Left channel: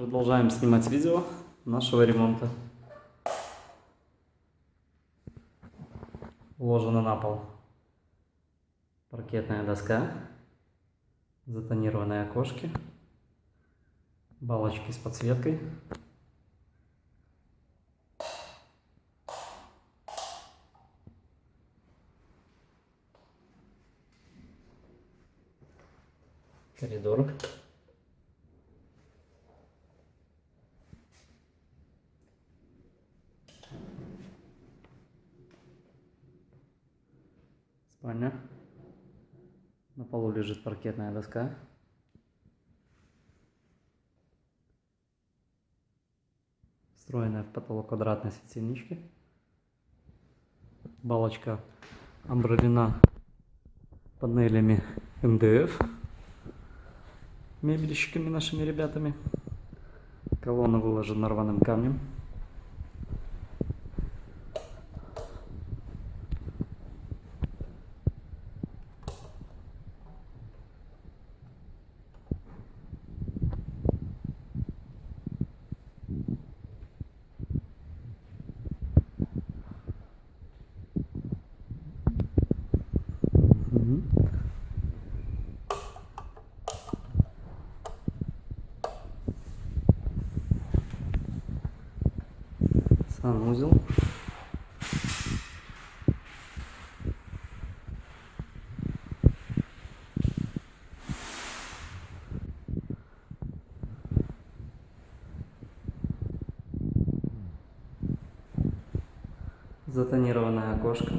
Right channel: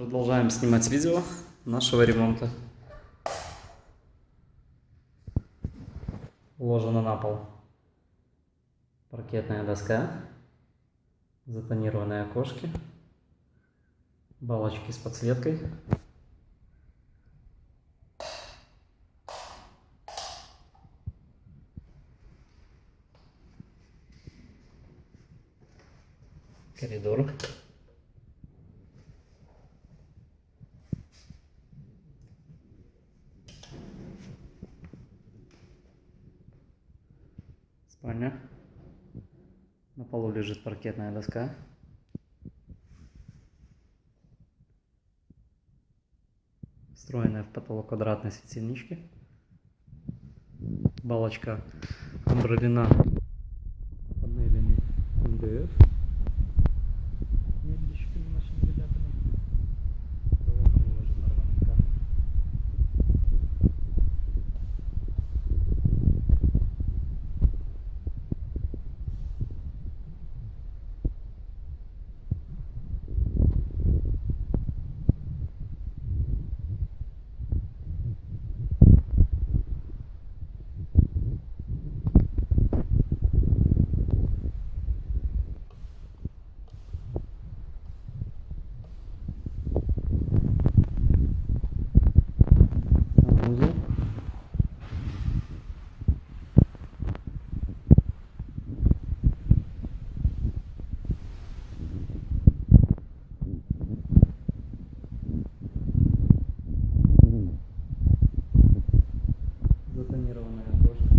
Продолжаем снимать видео нашего ремонта. Уложена на пол паркетная доска, затонированные окошки, балочки с подсветкой. Коридор. Спальня. На полу лежит паркетная доска. Встроенная в потолок квадратной светильнички. Балочка обрамлена панелями МДФ, мебельщиками нашими ребятами. Колонна выложена рваным камнем. Санузел. Затонированное окошко.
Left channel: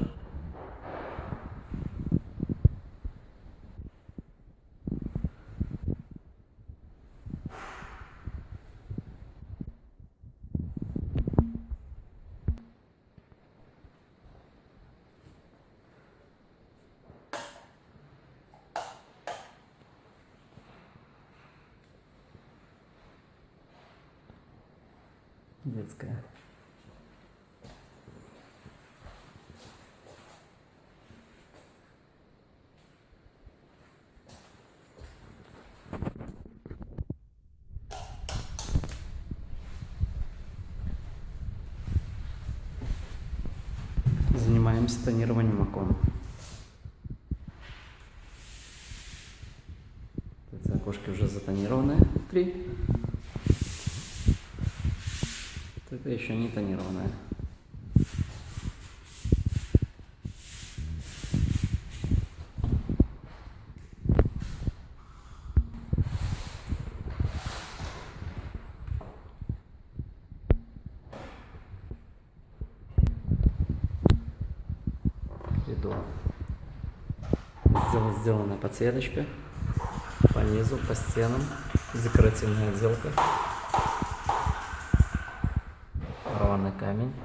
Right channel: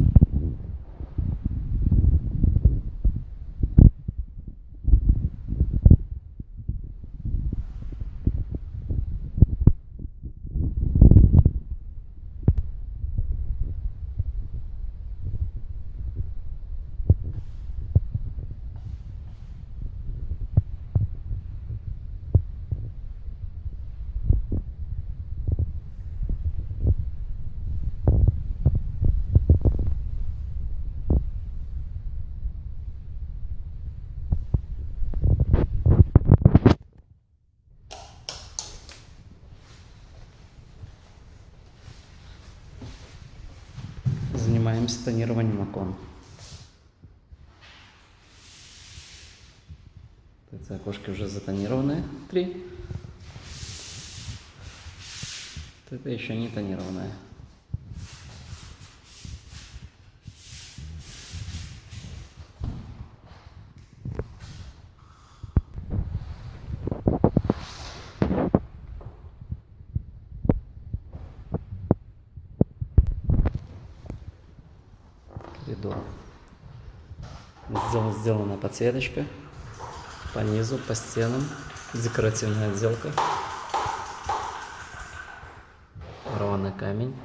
Детская. Занимаемся тонированием окон. Эти окошки уже затонированные, 3. Это еще не тонированное. Коридор. Сделана подсветочка по низу, по стенам, декоративная отделка, рваный камень.